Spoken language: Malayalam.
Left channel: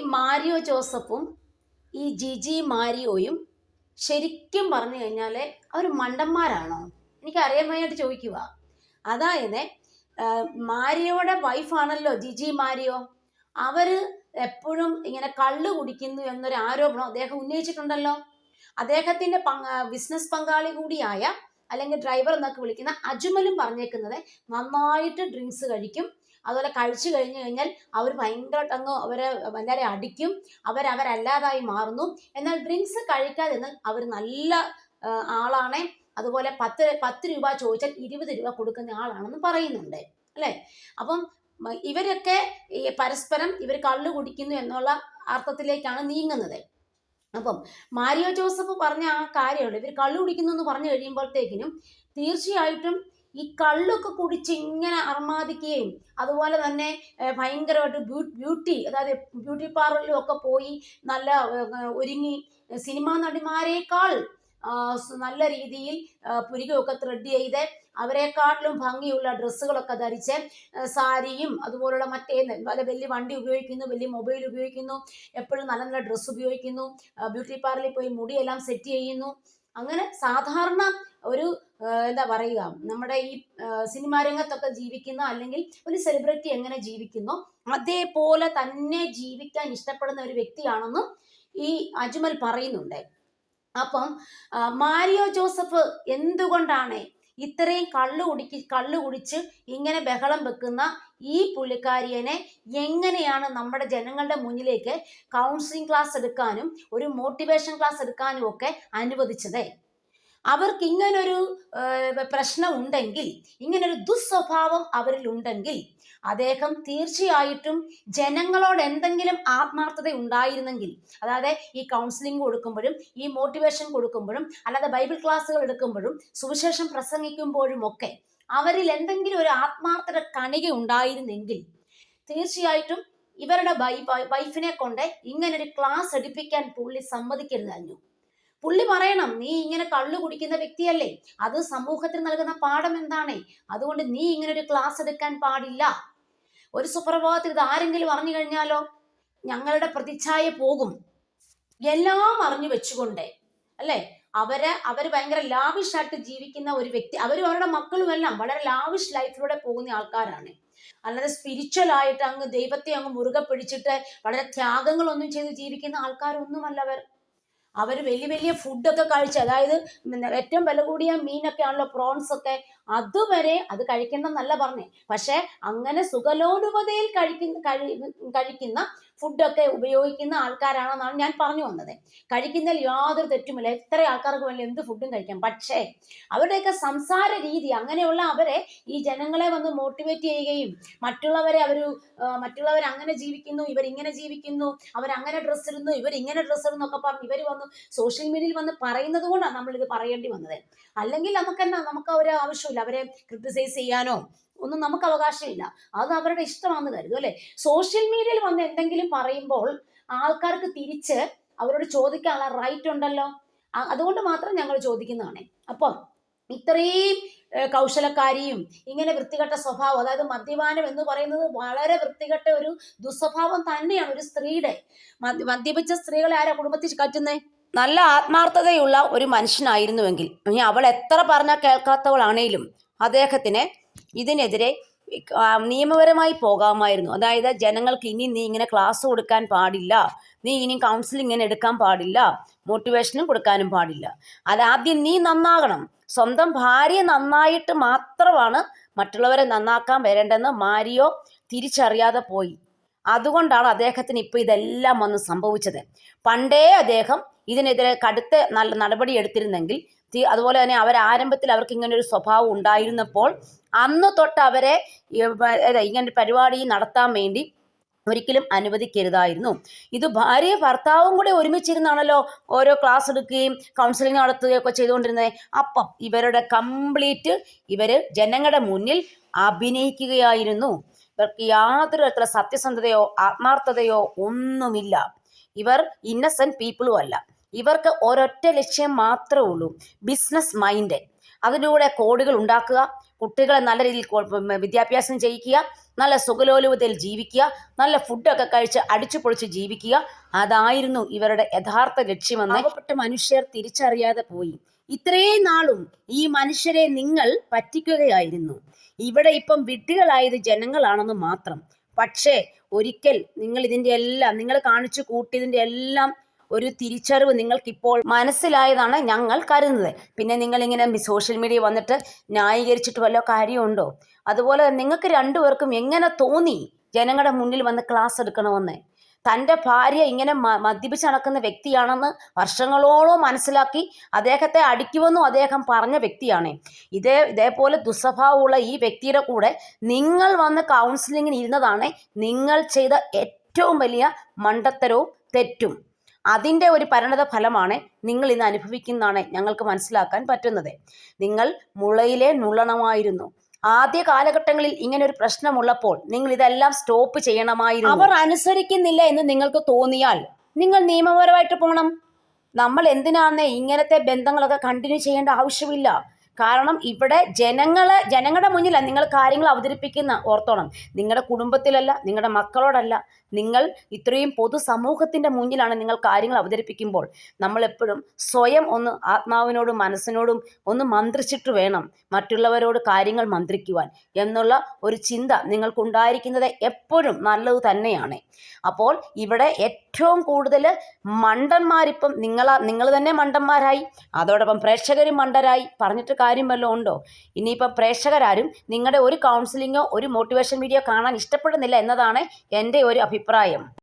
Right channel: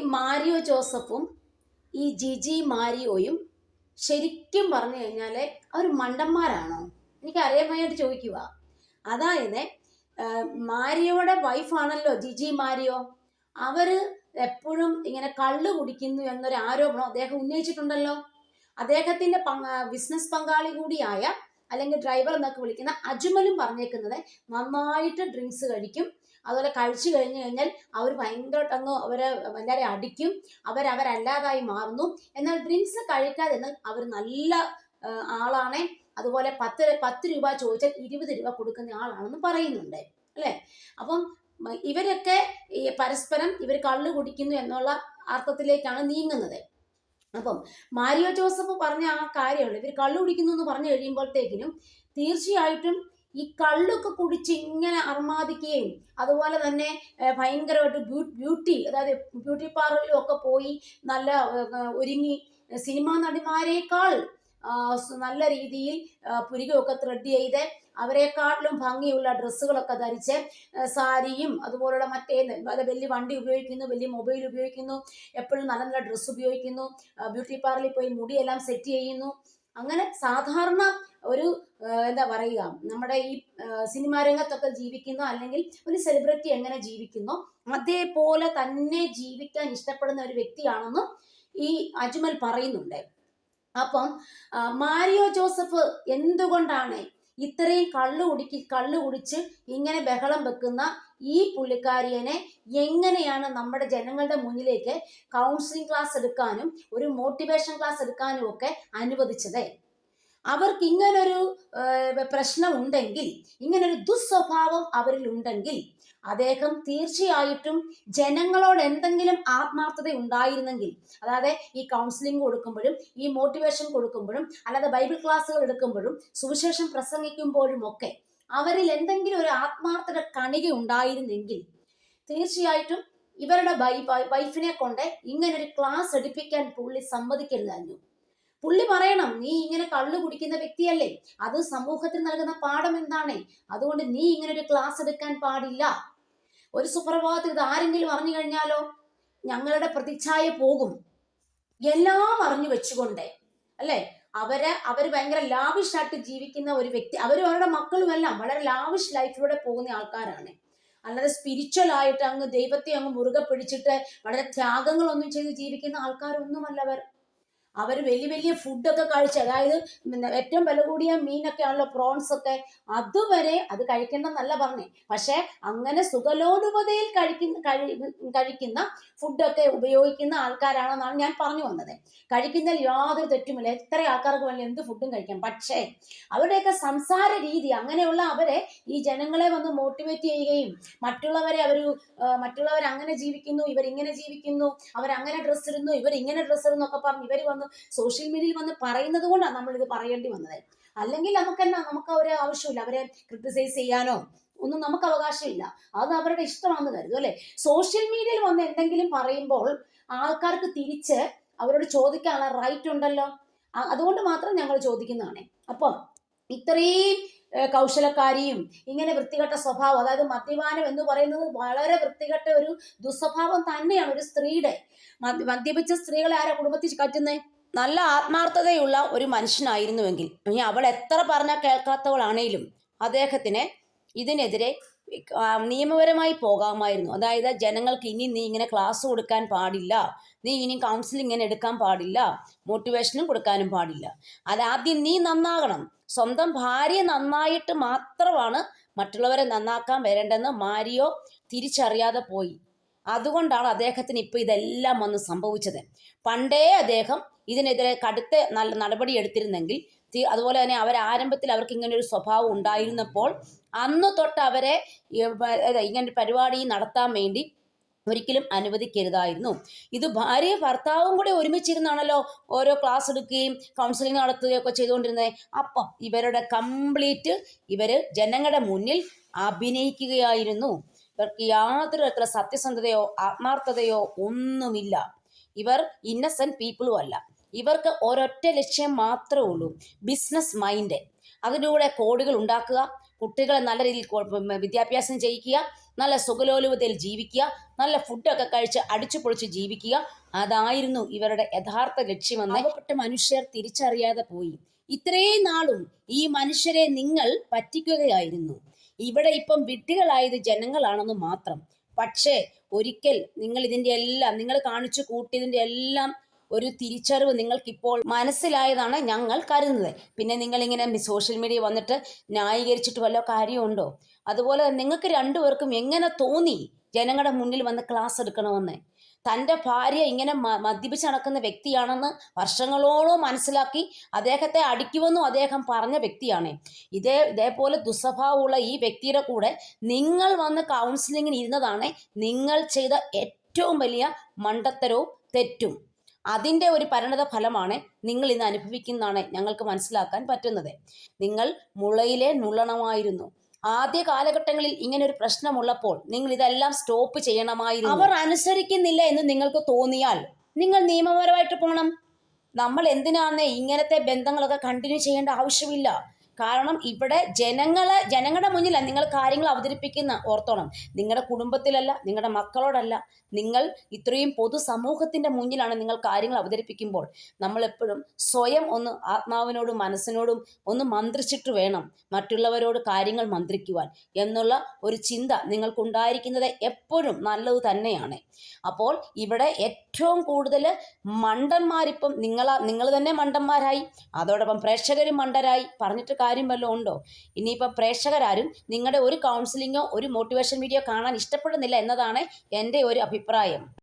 മാരിയോ ജോസഫും ഈ ജിജി മാരിയോയും ശരിക്കും പറഞ്ഞു കഴിഞ്ഞാൽ അവർ മണ്ടന്മാരാണോ. എനിക്ക് അറിയാൻ വേണ്ടിയിട്ട് ചോദിക്കുക. അതായത് മാരിയോയുടെ വൈഫാണല്ലോ ജിജി മാരിയോ. അവർ എപ്പോഴും ഇങ്ങനെ കള്ള് കുടിക്കുന്നു എന്നൊരു ആരോപണം അദ്ദേഹം ഉന്നയിച്ചിട്ടുണ്ടല്ലോ. അദ്ദേഹത്തിന്റെ ബിസിനസ് പങ്കാളി കൂടിയായ അല്ലെങ്കിൽ ഡ്രൈവർ എന്നൊക്കെ വിളിക്കുന്ന അജ്മലും പറഞ്ഞേക്കുന്നത് നന്നായിട്ട് ഡ്രിങ്ക്സ് കഴിക്കും അതുപോലെ കഴിച്ചു കഴിഞ്ഞു കഴിഞ്ഞാൽ അവർ ഭയങ്കര അങ്ങ് അവരെ എല്ലാവരെ അടിക്കും. അവരവരല്ലാതായി മാറുന്നു. എന്നാൽ ഡ്രിങ്ക്സ് കഴിക്കാതെ അവർ നല്ല ആളാണേ. അതുപോലെ പത്ത് പത്ത് രൂപ ചോദിച്ചാൽ ഇരുപത് രൂപ കൊടുക്കുന്ന ആളാണെന്ന് പറയുന്നുണ്ട്. അല്ലേ? അപ്പം ഇവരൊക്കെ പരസ്പരം ഇവർ കള്ളു കുടിക്കുന്നു എന്നുള്ള അർത്ഥത്തിലേക്കാണ് നീങ്ങുന്നത്. അപ്പം മാരിയോ ജോസഫ് പറഞ്ഞ ആ കാര്യമുണ്ട്. ഇവർ കള്ളു കുടിക്കുന്നു എന്ന് പറഞ്ഞു കഴിയുമ്പോഴത്തേക്കിനും തീർച്ചയായിട്ടും ഈ കള്ളൊക്കെ കുടിച്ച് ഇങ്ങനെ അർമാദിക്കുകയും അതുപോലെ തന്നെ ഭയങ്കരമായിട്ട് ബ്യൂ ബ്യൂട്ടി അതായത് ബ്യൂട്ടി പാർലറിലും ഒക്കെ പോയി നല്ല ഒരുങ്ങി സിനിമാ നടിമാരെക്കാൾ നല്ല രീതിയിൽ പുരികൊക്കെ ത്രെഡ് ചെയ്ത് അവരെക്കാട്ടിലും ഭംഗിയുള്ള ഡ്രസ്സുകളൊക്കെ ധരിച്ച് സാരിയും അതുപോലുള്ള മറ്റേ നല്ല വലിയ വണ്ടി ഉപയോഗിക്കുന്നു വലിയ മൊബൈൽ ഉപയോഗിക്കുന്നു എപ്പോഴും നല്ല നല്ല ഡ്രസ്സ് ഉപയോഗിക്കുന്നു ബ്യൂട്ടി പാർലറിൽ പോയി മുടിയെല്ലാം സെറ്റ് ചെയ്യുന്നു അങ്ങനെ സാധാരണ ഒരു എന്താ പറയുക നമ്മുടെ ഈ സിനിമാ രംഗത്തൊക്കെ ജീവിക്കുന്ന അല്ലെങ്കിൽ ഒരു സെലിബ്രിറ്റി എങ്ങനെ ജീവിക്കുന്നു അതേപോലെ തന്നെ ജീവിക്കാൻ ഇഷ്ടപ്പെടുന്ന ഒരു വ്യക്തിയാണെന്നും ഈ അജ്മൽ പറയുന്നുണ്ട്. അപ്പം മാരിയോ ജോസഫ് എന്തുകൊണ്ടാണ് ഇത്രയും കള്ളു കുടിക്ക് കള്ളു കുടിച്ച് ഇങ്ങനെ ബഹളം വെക്കുന്ന ഈ പുള്ളിക്കാരിയനെ എങ്ങനെയാണ് നമ്മുടെ ജനങ്ങളുടെ മുന്നിലേക്ക് കൗൺസിലിംഗ് ക്ലാസ് എടുക്കാനും ഒരു മോട്ടിവേഷൻ ക്ലാസ് എടുക്കാനും ഒക്കെ അനുവദിച്ചത്? അവർക്ക് ഇങ്ങനൊരു പ്രശ്നം ഉണ്ടെങ്കിൽ ഇങ്ങനൊരു ദുസ്വഭാവം അവരിൽ ഉണ്ടെങ്കിൽ അദ്ദേഹം തീർച്ചയായിട്ടും ജനങ്ങളോട് എന്തെങ്കിലും ആത്മാർത്ഥത ഉണ്ടായിരുന്നെങ്കിൽ അതായത് ഈ കൗൺസിലിംഗ് കൊടുക്കുമ്പോഴും ഈ മോട്ടിവേഷൻ കൊടുക്കുമ്പോഴും അല്ലാതെ ബൈബിൾ ക്ലാസ്സുകൾ എടുക്കുമ്പോഴും സുവിശേഷം പ്രസംഗിക്കുമ്പോഴും ഒക്കെ അവരിൽ എന്തെങ്കിലും ഒരു ആത്മാർത്ഥത കണിക ഉണ്ടായിരുന്നെങ്കിൽ തീർച്ചയായിട്ടും ഇവരുടെ വൈഫിനെ കൊണ്ട് ഇങ്ങനൊരു ക്ലാസ് എടുപ്പിക്കാൻ പുള്ളി സമ്മതിക്കരുതായിരുന്നു. പുള്ളി പറയണം നീ ഇങ്ങനെ കള്ളു കുടിക്കുന്ന വ്യക്തിയല്ലേ? അത് സമൂഹത്തിന് നൽകുന്ന പാഠം എന്താണ്? അതുകൊണ്ട് നീ ഇങ്ങനെ ഒരു ക്ലാസ് എടുക്കാൻ പാടില്ല. ഒരു സുപ്രഭാതത്തിൽ ഇത് ആരെങ്കിലും അറിഞ്ഞു കഴിഞ്ഞാലോ? ഞങ്ങളുടെ പ്രതിച്ഛായ പോകും. എല്ലാം അറിഞ്ഞു വെച്ചുകൊണ്ട് അല്ലേ? അവരെ അവർ ഭയങ്കര ലാവിഷായിട്ട് ജീവിക്കുന്ന ഒരു വ്യക്തി അവരും അവരുടെ മക്കളും എല്ലാം വളരെ ലാവിഷ് ലൈഫിലൂടെ പോകുന്ന ആൾക്കാരാണ്. അല്ലാതെ സ്പിരിച്വൽ ആയിട്ട് അങ്ങ് ദൈവത്തെ അങ്ങ് മുറുകെ പിടിച്ചിട്ട് വളരെ ത്യാഗങ്ങളൊന്നും ചെയ്ത് ജീവിക്കുന്ന ആൾക്കാരൊന്നുമല്ല അവർ. അവർ വലിയ വലിയ ഫുഡൊക്കെ കഴിച്ച് അതായത് ഏറ്റവും വില കൂടിയ മീനൊക്കെ ആണല്ലോ പ്രോൺസ് ഒക്കെ അതുവരെ അത് കഴിക്കണമെന്നല്ല പറഞ്ഞേ. പക്ഷേ അങ്ങനെ സുഖലോലുപതയിൽ കഴിക്കുന്ന കഴി കഴിക്കുന്ന ഫുഡൊക്കെ ഉപയോഗിക്കുന്ന ആൾക്കാരാണെന്നാണ് ഞാൻ പറഞ്ഞു വന്നത്. കഴിക്കുന്നതിൽ യാതൊരു തെറ്റുമില്ല. എത്ര ആൾക്കാർക്ക് വേണ്ടി എന്ത് ഫുഡും കഴിക്കാം. പക്ഷേ അവരുടെയൊക്കെ സംസാര രീതി അങ്ങനെയുള്ള അവരെ ഈ ജനങ്ങളെ വന്ന് മോട്ടിവേറ്റ് ചെയ്യുകയും മറ്റുള്ളവരെ അവർ മറ്റുള്ളവർ അങ്ങനെ ജീവിക്കുന്നു ഇവരിങ്ങനെ ജീവിക്കുന്നു അവരങ്ങനെ ഡ്രസ്സ് ഇടുന്നു ഇവർ ഇങ്ങനെ ഡ്രസ്സ് ഇടുന്നു ഒക്കെ പറഞ്ഞ് ഇവർ വന്ന് സോഷ്യൽ മീഡിയയിൽ വന്ന് പറയുന്നത് കൊണ്ടാണ് നമ്മളിത് പറയേണ്ടി വന്നത്. അല്ലെങ്കിൽ നമുക്ക് എന്നാ നമുക്ക് ഒരു ആവശ്യമില്ല അവരെ ക്രിട്ടിസൈസ് ചെയ്യാനോ ഒന്നും നമുക്ക് അവകാശമില്ല. അത് അവരുടെ ഇഷ്ടമാണെന്ന് കരുതും അല്ലെ? സോഷ്യൽ മീഡിയയിൽ വന്ന് എന്തെങ്കിലും പറയുമ്പോൾ ആൾക്കാർക്ക് തിരിച്ച് അവരോട് ചോദിക്കാനുള്ള റൈറ്റ് ഉണ്ടല്ലോ. അതുകൊണ്ട് മാത്രം ഞങ്ങൾ ചോദിക്കുന്നതാണ്. അപ്പം ഇത്രയും കൗശലക്കാരിയും ഇങ്ങനെ വൃത്തികെട്ട സ്വഭാവം അതായത് മദ്യപാനം എന്ന് പറയുന്നത് വളരെ വൃത്തികെട്ട ഒരു ദുസ്വഭാവം തന്നെയാണ് ഒരു സ്ത്രീയുടെ. മദ്യ- മദ്യപിച്ച സ്ത്രീകളെ ആരാ കുടുംബത്തിൽ കറ്റുന്നത് നല്ല ആത്മാർത്ഥതയുള്ള ഒരു മനുഷ്യനായിരുന്നുവെങ്കിൽ അവൾ എത്ര പറഞ്ഞാൽ കേൾക്കാത്തവളാണേലും അദ്ദേഹത്തിന് ഇതിനെതിരെ നിയമപരമായി പോകാമായിരുന്നു. അതായത് ജനങ്ങൾക്ക് ഇനി നീ ഇങ്ങനെ ക്ലാസ് കൊടുക്കാൻ പാടില്ല. നീ ഇനി കൗൺസിലിംഗ് ഇങ്ങനെ എടുക്കാൻ പാടില്ല. മോട്ടിവേഷനും കൊടുക്കാനും പാടില്ല. അതാദ്യം നീ നന്നാകണം. സ്വന്തം ഭാര്യ നന്നായിട്ട് മാത്രമാണ് മറ്റുള്ളവരെ നന്നാക്കാൻ വരേണ്ടെന്ന് മാരിയോ തിരിച്ചറിയാതെ പോയി. അതുകൊണ്ടാണ് അദ്ദേഹത്തിന് ഇപ്പോൾ ഇതെല്ലാം വന്ന് സംഭവിച്ചത്. പണ്ടേ അദ്ദേഹം ഇതിനെതിരെ കടുത്ത നല്ല നടപടി എടുത്തിരുന്നെങ്കിൽ അതുപോലെ തന്നെ അവർ ആരംഭത്തിൽ അവർക്ക് ഇങ്ങനെ ഒരു സ്വഭാവം ഉണ്ടായിരുന്നപ്പോൾ അന്ന് തൊട്ട് അവരെ ഇങ്ങനെ പരിപാടി നടത്താൻ വേണ്ടി ഒരിക്കലും അനുവദിക്കരുതായിരുന്നു. ഇത് ഭാര്യ ഭർത്താവും കൂടി ഒരുമിച്ചിരുന്നാണല്ലോ ഓരോ ക്ലാസ് എടുക്കുകയും കൗൺസിലിംഗ് നടത്തുകയും ഒക്കെ ചെയ്തുകൊണ്ടിരുന്നത്. അപ്പം ഇവരുടെ കംപ്ലീറ്റ് ഇവർ ജനങ്ങളുടെ മുന്നിൽ അഭിനയിക്കുകയായിരുന്നു. ഇവർക്ക് യാതൊരു തരത്തിലുള്ള സത്യസന്ധതയോ ആത്മാർത്ഥതയോ ഒന്നുമില്ല. ഇവർ ഇന്നസെന്റ് പീപ്പിളും അല്ല. ഇവർക്ക് ഒരൊറ്റ ലക്ഷ്യം മാത്രമേ ഉള്ളൂ. ബിസിനസ് മൈൻഡ് അതിലൂടെ കോടികൾ ഉണ്ടാക്കുക. കുട്ടികളെ നല്ല രീതിയിൽ വിദ്യാഭ്യാസം ചെയ്യിക്കുക നല്ല സുഖലോലുപതയിൽ ജീവിക്കുക നല്ല ഫുഡൊക്കെ കഴിച്ച് അടിച്ചു പൊളിച്ച് ജീവിക്കുക. അതായിരുന്നു ഇവരുടെ യഥാർത്ഥ ലക്ഷ്യമെന്ന് പാവപ്പെട്ട മനുഷ്യർ തിരിച്ചറിയാതെ പോയി. ഇത്രയും നാളും ഈ മനുഷ്യരെ നിങ്ങൾ പറ്റിക്കുകയായിരുന്നു. ഇവിടെ ഇപ്പം വിട്ടികളായത് ജനങ്ങളാണെന്ന് മാത്രം. പക്ഷേ ഒരിക്കൽ നിങ്ങൾ ഇതിന്റെ എല്ലാം നിങ്ങൾ കാണിച്ചു കൂട്ടിയതിന്റെ എല്ലാം ഒരു തിരിച്ചറിവ് നിങ്ങൾക്കിപ്പോൾ മനസ്സിലായതാണ് ഞങ്ങൾ കരുതുന്നത്. പിന്നെ നിങ്ങളിങ്ങനെ സോഷ്യൽ മീഡിയ വന്നിട്ട് ന്യായീകരിച്ചിട്ട് വല്ല കാര്യമുണ്ടോ? അതുപോലെ നിങ്ങൾക്ക് രണ്ടുപേർക്കും എങ്ങനെ തോന്നി ജനങ്ങളുടെ മുന്നിൽ വന്ന് ക്ലാസ് എടുക്കണമെന്ന്? തന്റെ ഭാര്യ ഇങ്ങനെ മദ്യപിച്ച് നടക്കുന്ന വ്യക്തിയാണെന്ന് വർഷങ്ങളോളം മനസ്സിലാക്കി അദ്ദേഹത്തെ അടിക്കുമെന്നും അദ്ദേഹം പറഞ്ഞ വ്യക്തിയാണ്. ഇതേ ഇതേപോലെ ദുസ്വഭാവമുള്ള ഈ വ്യക്തിയുടെ കൂടെ നിങ്ങൾ വന്ന് കൗൺസിലിങ്ങിന് ഇരുന്നതാണ് നിങ്ങൾ ചെയ്ത ഏറ്റവും വലിയ മണ്ടത്തരവും തെറ്റും. അതിന്റെ ഒരു പരിണത ഫലമാണ് നിങ്ങൾ ഇന്ന് അനുഭവിക്കുന്നതാണ് ഞങ്ങൾക്ക് മനസ്സിലാക്കാൻ പറ്റുന്നത്. നിങ്ങൾ മുളയിലെ നുള്ളണമായിരുന്നു. ആദ്യ കാലഘട്ടങ്ങളിൽ ഇങ്ങനെ ഒരു പ്രശ്നമുള്ളപ്പോൾ നിങ്ങൾ ഇതെല്ലാം സ്റ്റോപ്പ് ചെയ്യണമായിരുന്നു. അവർ അനുസരിക്കുന്നില്ല എന്ന് നിങ്ങൾക്ക് തോന്നിയാൽ നിങ്ങൾ നിയമപരമായിട്ട് പോകണം നമ്മൾ എന്തിനാണ് ഇങ്ങനത്തെ ബന്ധങ്ങളൊക്കെ കണ്ടിന്യൂ ചെയ്യേണ്ട ആവശ്യമില്ല. കാരണം ഇവിടെ ജനങ്ങളെ ജനങ്ങളുടെ മുന്നിലല്ല നിങ്ങൾ കാര്യങ്ങൾ അവതരിപ്പിക്കുന്ന ഓർത്തോണം. നിങ്ങളുടെ കുടുംബത്തിലല്ല നിങ്ങളുടെ മക്കളോടല്ല. നിങ്ങൾ ഇത്രയും പൊതുസമൂഹത്തിന്റെ മുന്നിലാണ് നിങ്ങൾ കാര്യങ്ങൾ അവതരിപ്പിക്കുമ്പോൾ. നമ്മൾ എപ്പോഴും സ്വയം ഒന്ന് ആത്മാവിനോടും മനസ്സിനോടും ഒന്ന് മന്ത്രിച്ചിട്ട് വേണം മറ്റുള്ളവരോട് കാര്യങ്ങൾ മന്ത്രിക്കുവാൻ എന്നുള്ള ഒരു ചിന്ത നിങ്ങൾക്കുണ്ടായിരിക്കുന്നത് എപ്പോഴും നല്ലത് തന്നെയാണ്. അപ്പോൾ ഇവിടെ ഏറ്റവും കൂടുതൽ മണ്ടന്മാരിപ്പം നിങ്ങളാ നിങ്ങൾ തന്നെ മണ്ടന്മാരായി. അതോടൊപ്പം പ്രേക്ഷകരും മണ്ടരായി. പറഞ്ഞിട്ട് കാര്യം വല്ലതും ഉണ്ടോ? ഇനിയിപ്പോൾ പ്രേക്ഷകരാരും നിങ്ങളുടെ ഒരു കൗൺസിലിങ്ങോ ഒരു മോട്ടിവേഷൻ വീഡിയോ കാണാൻ ഇഷ്ടപ്പെടുന്നില്ല എന്നതാണ് എന്റെ ഒരു അഭിപ്രായം.